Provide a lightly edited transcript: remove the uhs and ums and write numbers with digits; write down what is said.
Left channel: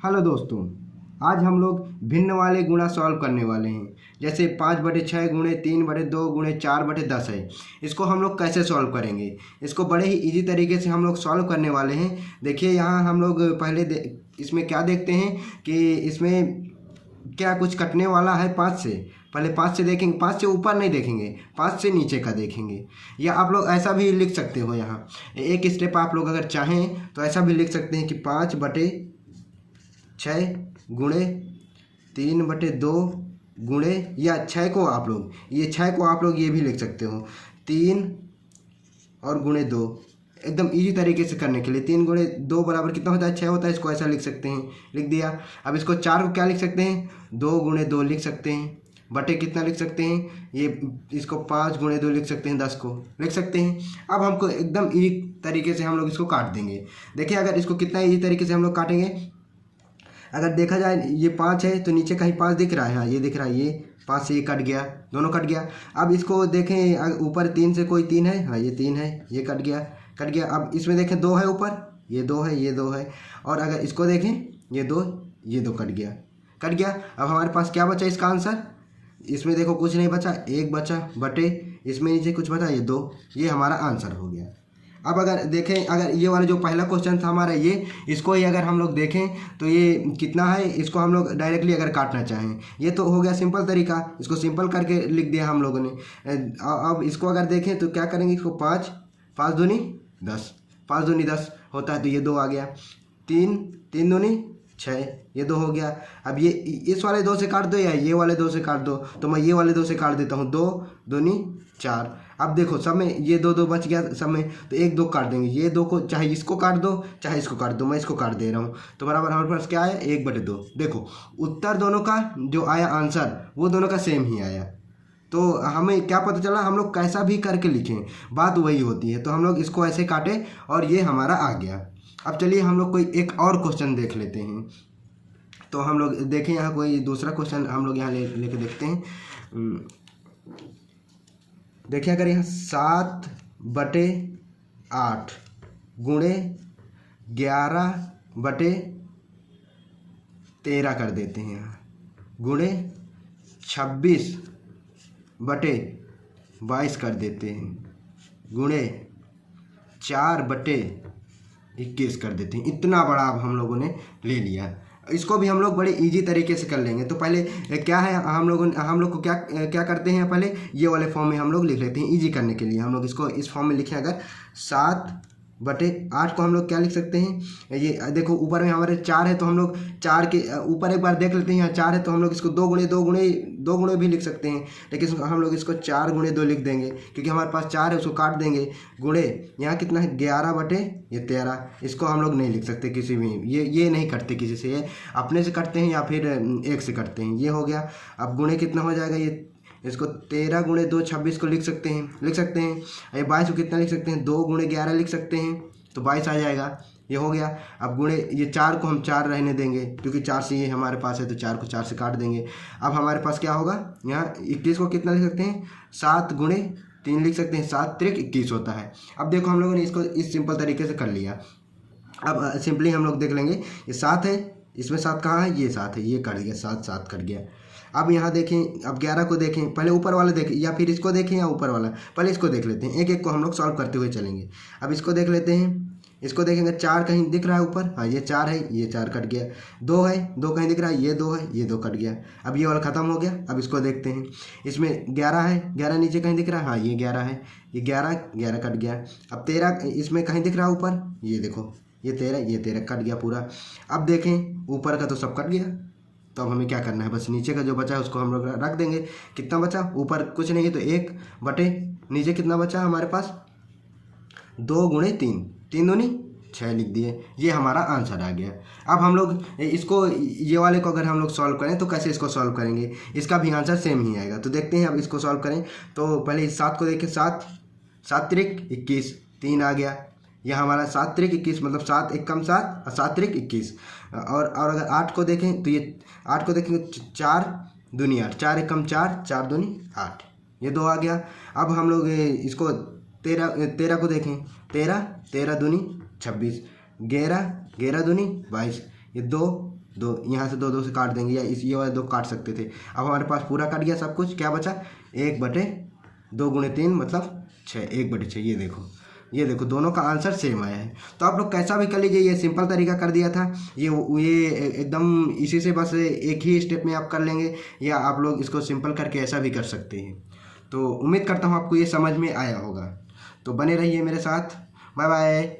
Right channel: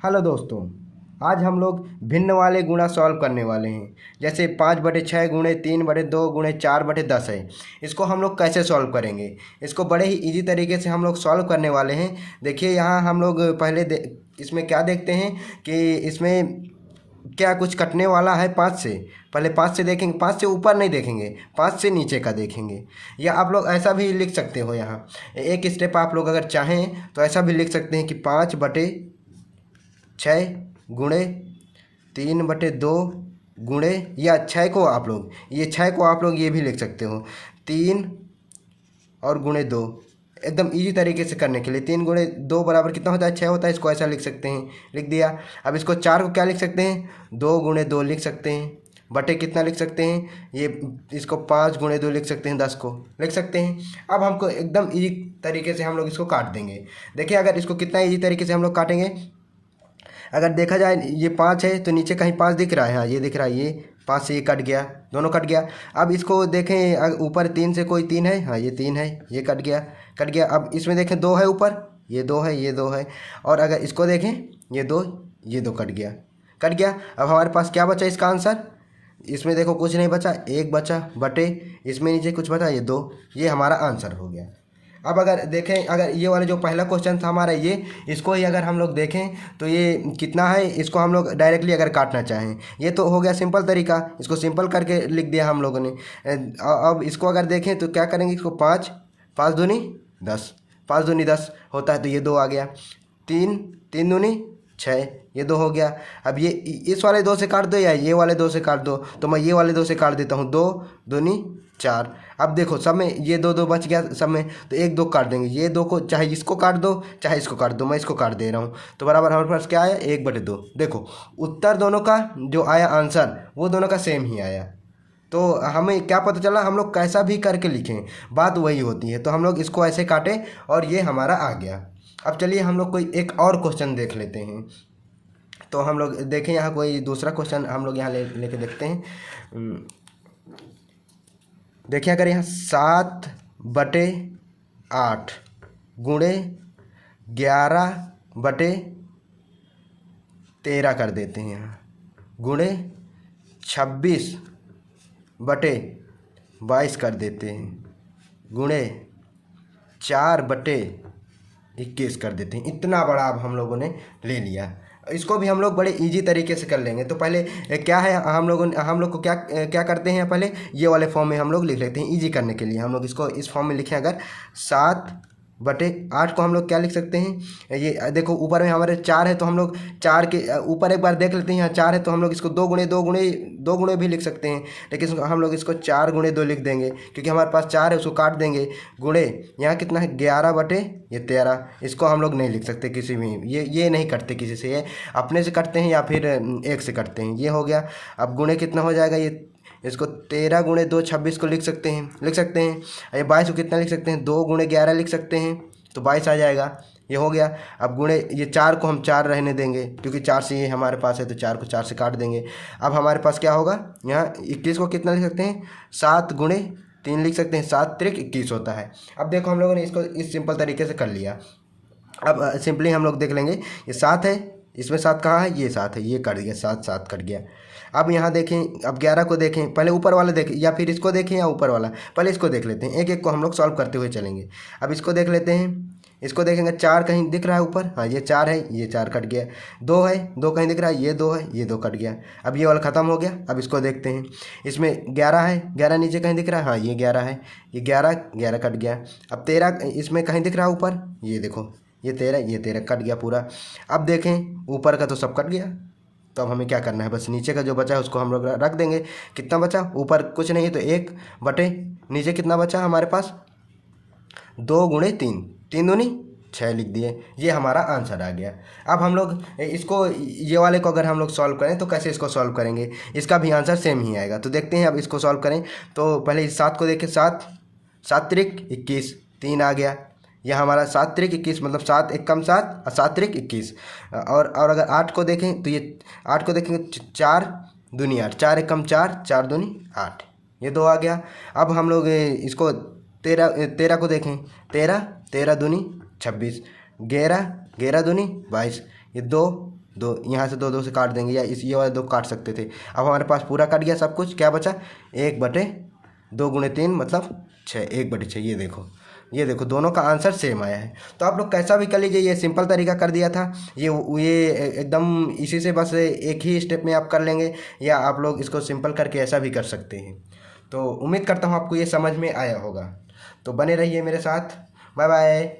Hello दोस्तों, आज हम लोग भिन्न वाले गुणा सॉल्व करने वाले हैं। जैसे 5/6 गुणे 3/2 गुणे 4/10 है। इसको हम लोग कैसे सॉल्व करेंगे? इसको बड़े ही इजी तरीके से हम लोग सॉल्व करने वाले हैं। देखिए यहाँ हम लोग पहले इसमें क्या देखते हैं कि इसमें क्या कुछ कटने वाला है 5 से। पहले 5 से देखेंगे, 5 से ऊपर नहीं देखेंगे, 5 से नीचे का देखेंगे। या आप लोग ऐसा भी लिख सकते हो, यहाँ एक स्टेप आप लोग अगर चाहें तो ऐसा भी लिख सकते हैं कि 5/6 गुणे 3/2 गुणे, या 6 को आप लोग ये भी लिख सकते हो 3 और गुणे 2। एकदम इजी तरीके से करने के लिए 3 गुणे 2 बराबर कितना होता है? 6 होता है। इसको ऐसा लिख सकते हैं, लिख दिया। अब इसको 4 को क्या लिख सकते हैं? 2 गुणे 2 लिख सकते हैं, बटे कितना लिख सकते हैं? ये इसको 5 गुणे 2 लिख सकते हैं, 10 को लिख सकते हैं। अब हमको एकदम इजी तरीके से हम लोग इसको काट देंगे। देखिए अगर इसको कितना इजी तरीके से हम लोग काटेंगे, अगर देखा जाए ये 5 है तो नीचे कहीं 5 दिख रहा है। हाँ ये दिख रहा है, ये 5 से ये कट गया, दोनों कट गया। अब इसको देखें, ऊपर 3 से कोई 3 है। हाँ ये 3 है, ये कट गया, कट गया। अब इसमें देखें 2 है ऊपर, ये 2 है, ये 2 है। और अगर इसको देखें ये 2, ये 2 कट गया, कट गया। अब हमारे पास क्या बचा इसका आंसर? इसमें देखो कुछ नहीं बचा, 1 बचा, बटे इसमें नीचे कुछ बचा, ये 2। ये हमारा आंसर हो गया। अब अगर देखें, अगर ये वाला जो पहला क्वेश्चन था हमारा, ये इसको ही अगर हम लोग देखें तो ये कितना है, इसको हम लोग डायरेक्टली अगर काटना चाहें, ये तो हो गया सिंपल तरीका। इसको सिंपल करके लिख दिया हम लोगों ने। अब इसको अगर देखें तो क्या करेंगे, इसको 5 5 दूनी 10, 5 दूनी 10 होता है, तो ये 2 आ गया। 3 3 दूनी 6, ये 2 हो गया। अब ये इस वाले 2 से काट दो या ये वाले 2 से काट दो, तो मैं ये वाले 2 से काट देता हूँ। 2 दूनी 4। अब देखो सब में ये 2 2 बच गया सब में, तो 1 2 काट देंगे। ये 2 को चाहे इसको काट दो चाहे इसको काट दो, मैं इसको काट दे रहा हूँ, तो बराबर हमारे पास क्या आया? 1/2। देखो उत्तर दोनों का जो आया आंसर, वो दोनों का सेम ही आया। तो हमें क्या पता चला, हम लोग कैसा भी करके लिखें बात वही होती है। तो हम लोग इसको ऐसे काटें और ये हमारा आ गया। अब चलिए हम लोग कोई एक और क्वेश्चन देख लेते हैं। तो हम लोग देखें यहाँ कोई दूसरा क्वेश्चन हम लोग यहाँ लेके देखते हैं। देखिए अगर यहाँ 7/8 गुणे 11/13 कर देते हैं, यहाँ गुणे 26/22 कर देते हैं, गुणे 4/21 कर देते हैं। इतना बड़ा अब हम लोगों ने ले लिया। इसको भी हम लोग बड़े इजी तरीके से कर लेंगे। तो पहले क्या है, हम लोग को क्या क्या करते हैं, पहले ये वाले फॉर्म में हम लोग लिख लेते हैं। इजी करने के लिए हम लोग इसको इस फॉर्म में लिखें। अगर 7/8 को हम लोग क्या लिख सकते हैं, ये देखो ऊपर में हमारे 4 है, तो हम लोग 4 के ऊपर एक बार देख लेते हैं। यहाँ 4 है तो हम लोग इसको 2 गुणे 2 गुणे भी लिख सकते हैं, लेकिन हम लोग इसको 4 गुणे 2 लिख देंगे, क्योंकि हमारे पास 4 है, उसको काट देंगे। गुणे यहाँ कितना है, 11/13। इसको हम लोग नहीं लिख सकते किसी भी, ये नहीं करते किसी से, ये अपने से करते हैं या फिर 1 से करते हैं। ये हो गया। अब गुणे कितना हो जाएगा, ये इसको 13 गुणे 2 26 को लिख सकते हैं। ये 22 को कितना लिख सकते हैं, 2 गुणे 11 लिख सकते हैं, तो 22 आ जाएगा। ये हो गया। अब गुणे ये 4 को हम 4 रहने देंगे, क्योंकि 4 से ये हमारे पास है, तो 4 को 4 से काट देंगे। अब हमारे पास क्या होगा, यहाँ 21 को कितना लिख सकते हैं, 7 गुणे 3 लिख सकते हैं, 7 3 21 होता है। अब देखो हम लोगों ने इसको इस सिंपल तरीके से कर लिया। अब सिंपली हम लोग देख लेंगे, ये 7 है, इसमें 7 कहाँ है, ये 7 है, ये कट गया, 7 7 कट गया। अब यहाँ देखें, अब 11 को देखें, पहले ऊपर वाले देखें या फिर इसको देखें या ऊपर वाला, पहले इसको देख लेते हैं। एक एक को हम लोग सॉल्व करते हुए चलेंगे। अब इसको देख लेते हैं, इसको देखेंगे 4 कहीं दिख रहा है ऊपर, हाँ ये 4 है, ये 4 कट गया। 2 है, 2 कहीं दिख रहा है, ये 2 है, ये 2 कट गया। अब ये वाला ख़त्म हो गया। अब इसको देखते हैं, इसमें 11 है, 11 नीचे कहीं दिख रहा है, हाँ ये 11 है, ये 11 कट गया। अब 13 इसमें कहीं दिख रहा है ऊपर, ये देखो ये 13 कट गया पूरा। अब देखें ऊपर का तो सब कट गया, तो अब हमें क्या करना है, बस नीचे का जो बचा है उसको हम लोग रख देंगे। कितना बचा, ऊपर कुछ नहीं है, तो 1 बटे नीचे कितना बचा हमारे पास, 2 गुणे 3, 3 दूनी 6 लिख दिए। ये हमारा आंसर आ गया। अब हम लोग इसको, ये वाले को अगर हम लोग सॉल्व करें तो कैसे इसको सॉल्व करेंगे, इसका भी आंसर सेम ही आएगा। तो देखते हैं अब इसको सॉल्व करें। तो पहले इस 7 को देखें, 7 7 त्रिक 21, 3 आ गया। यह हमारा 7 त्रिक 21, मतलब 7 1 कम 7 और 7 त्रिक 21। और अगर 8 को देखें तो ये 8 को देखेंगे, 4 दूनी 8, 4 1 कम 4, 4 दूनी 8, ये 2 आ गया। अब हम लोग इसको 13 को देखें, 13 दूनी 26, 11 दूनी 22, ये 2 दो यहाँ से दो दो से काट देंगे, या इस ये वाले दो काट सकते थे। अब हमारे पास पूरा कट गया सब कुछ, क्या बचा 1/2 × 3 मतलब 6, 1/6। ये देखो दोनों का आंसर सेम आया है। तो आप लोग कैसा भी कर लीजिए, ये सिंपल तरीका कर दिया था, ये एकदम इसी से बस एक ही स्टेप में आप कर लेंगे, या आप लोग इसको सिंपल करके ऐसा भी कर सकते हैं। तो उम्मीद करता हूँ आपको ये समझ में आया होगा। तो बने रहिए मेरे साथ। Bye bye.